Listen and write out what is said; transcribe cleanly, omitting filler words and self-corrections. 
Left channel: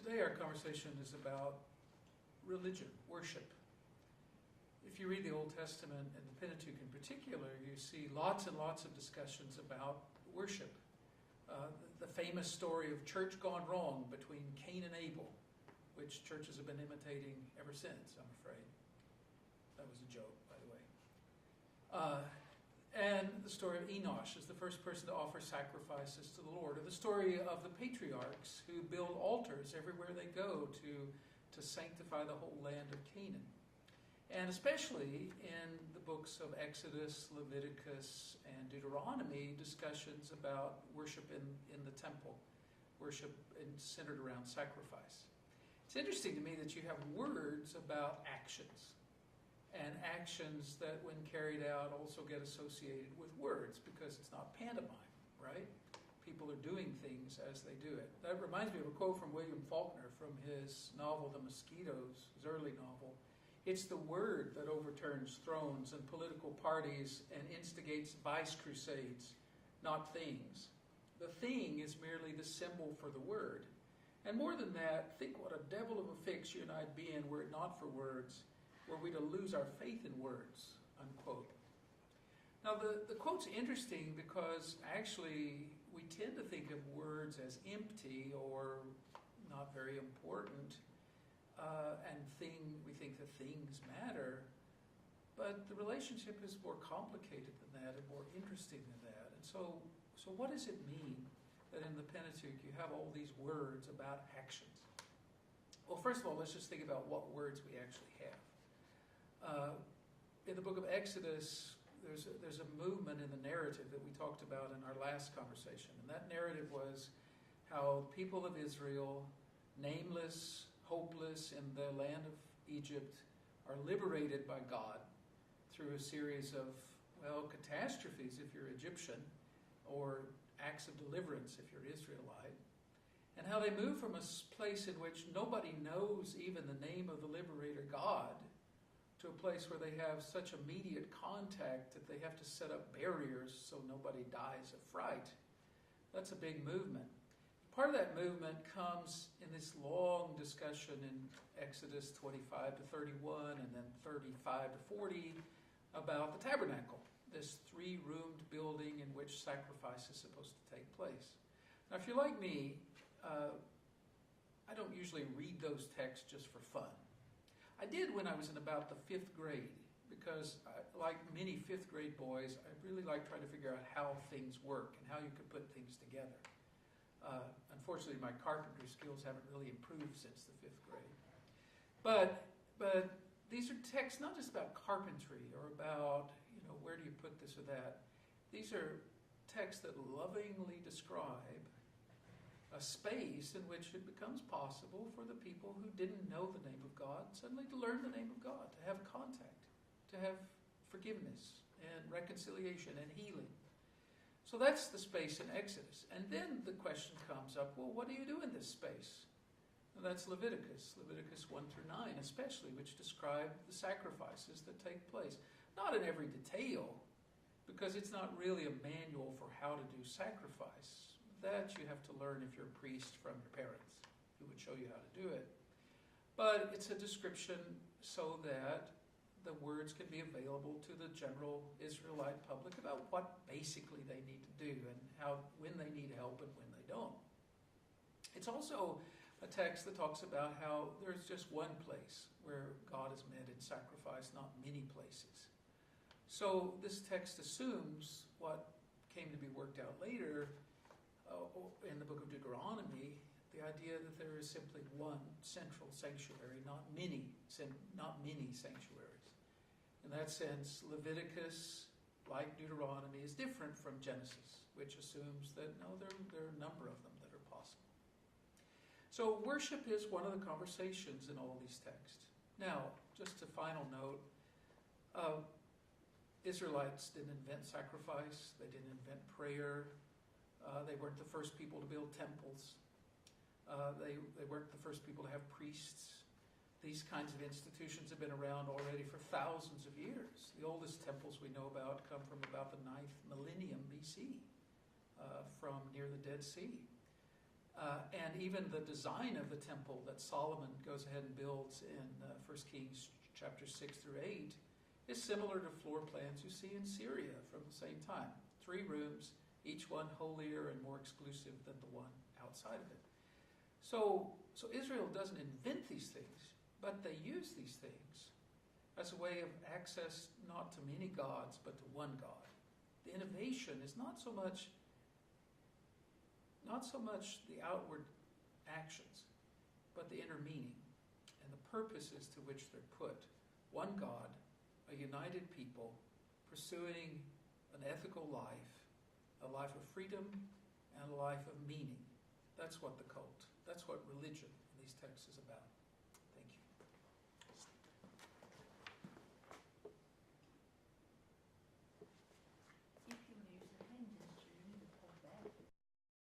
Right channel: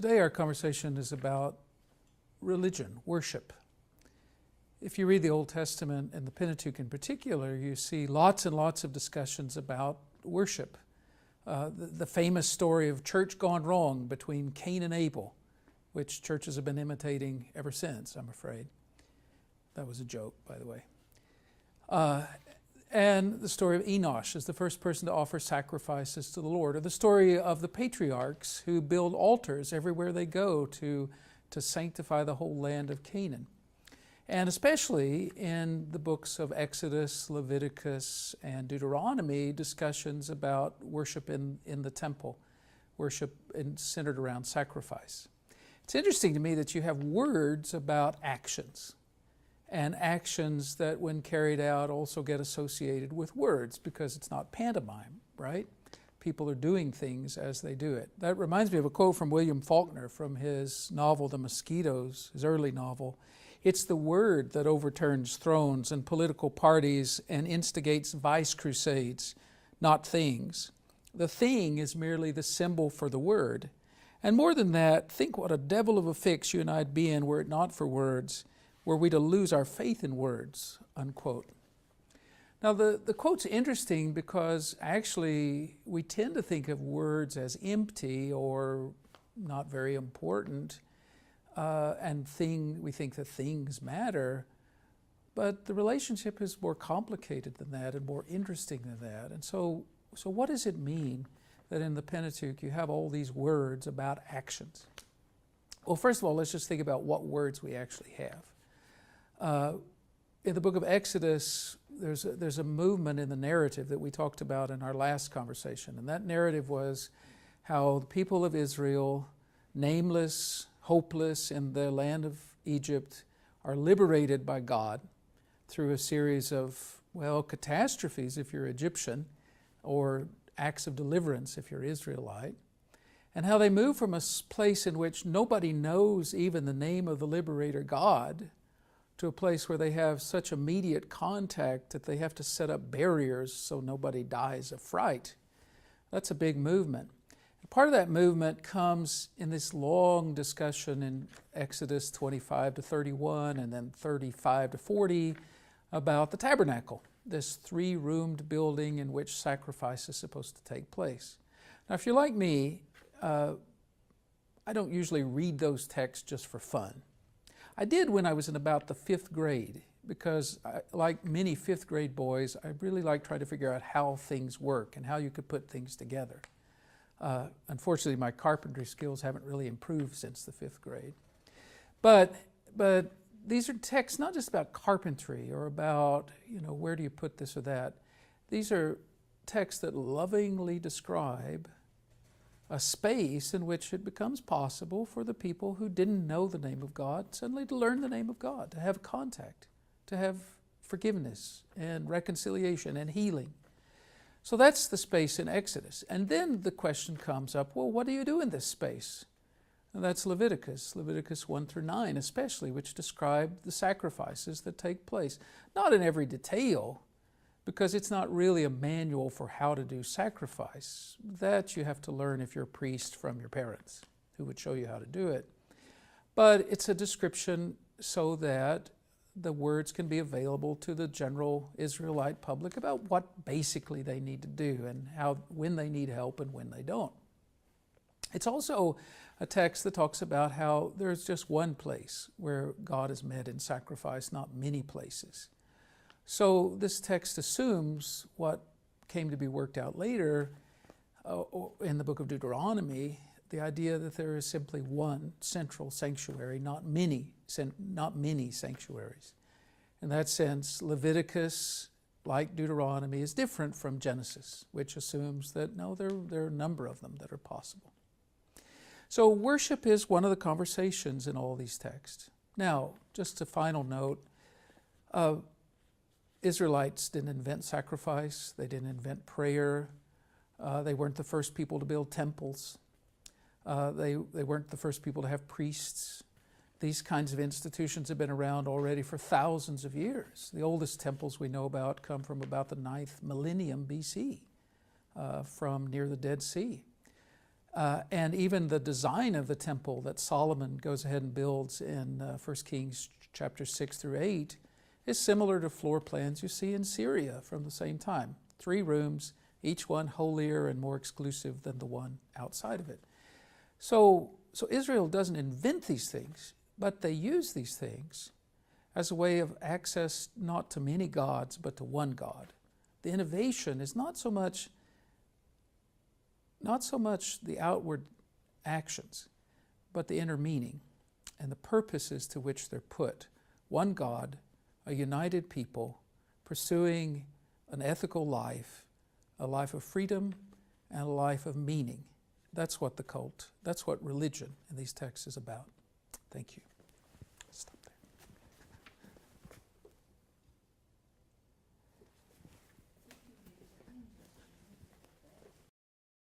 Today our conversation is about religion, worship. If you read the Old Testament and the Pentateuch in particular, you see lots and lots of discussions about worship. The famous story of church gone wrong between Cain and Abel, which churches have been imitating ever since, I'm afraid. That was a joke, by the way. And the story of Enosh as the first person to offer sacrifices to the Lord, or the story of the patriarchs who build altars everywhere they go to sanctify the whole land of Canaan. And especially in the books of Exodus, Leviticus, and Deuteronomy, discussions about worship in the temple, worship centered around sacrifice. It's interesting to me that you have words about actions, and actions that when carried out also get associated with words because it's not pantomime, right? People are doing things as they do it. That reminds me of a quote from William Faulkner from his novel, The Mosquitoes, his early novel. It's the word that overturns thrones and political parties and instigates vice crusades, not things. The thing is merely the symbol for the word. And more than that, think what a devil of a fix you and I'd be in were it not for words. Were we to lose our faith in words, unquote. Now the quote's interesting because actually we tend to think of words as empty or not very important, we think that things matter, but the relationship is more complicated than that and more interesting than that. And so what does it mean that in the Pentateuch you have all these words about actions? Well, first of all, let's just think about what words we actually have. In the book of Exodus, there's a movement in the narrative that we talked about in our last conversation. And that narrative was how the people of Israel, nameless, hopeless in the land of Egypt, are liberated by God through a series of, catastrophes if you're Egyptian, or acts of deliverance if you're Israelite. And how they move from a place in which nobody knows even the name of the liberator God to a place where they have such immediate contact that they have to set up barriers so nobody dies of fright. That's a big movement. And part of that movement comes in this long discussion in Exodus 25 to 31 and then 35 to 40 about the tabernacle, this three-roomed building in which sacrifice is supposed to take place. Now, if you're like me, I don't usually read those texts just for fun. I did when I was in about the 5th grade because, like many 5th grade boys, I really like trying to figure out how things work and how you could put things together. Unfortunately, my carpentry skills haven't really improved since the 5th grade. But these are texts not just about carpentry or about, where do you put this or that. These are texts that lovingly describe a space in which it becomes possible for the people who didn't know the name of God suddenly to learn the name of God, to have contact, to have forgiveness and reconciliation and healing. So that's the space in Exodus. And then the question comes up, what do you do in this space? And that's Leviticus 1 through 9 especially, which describe the sacrifices that take place. Not in every detail, because it's not really a manual for how to do sacrifice. That you have to learn if you're a priest from your parents, who would show you how to do it. But it's a description so that the words can be available to the general Israelite public about what basically they need to do and when they need help and when they don't. It's also a text that talks about how there's just one place where God is met in sacrifice, not many places. So this text assumes what came to be worked out later in the book of Deuteronomy, the idea that there is simply one central sanctuary, not many sanctuaries. In that sense, Leviticus, like Deuteronomy, is different from Genesis, which assumes that there are a number of them that are possible. So worship is one of the conversations in all these texts. Now, just a final note, Israelites didn't invent sacrifice. They didn't invent prayer. They weren't the first people to build temples. They weren't the first people to have priests. These kinds of institutions have been around already for thousands of years. The oldest temples we know about come from about the 9th millennium BC, from near the Dead Sea. And even the design of the temple that Solomon goes ahead and builds in 1 Kings chapter 6 through 8 is similar to floor plans you see in Syria from the same time. 3 rooms, each one holier and more exclusive than the one outside of it. So Israel doesn't invent these things, but they use these things as a way of access not to many gods, but to one God. The innovation is not so much the outward actions, but the inner meaning and the purposes to which they're put. One God, a united people, pursuing an ethical life, a life of freedom and a life of meaning. That's what the cult, that's what religion in these texts is about. Thank you.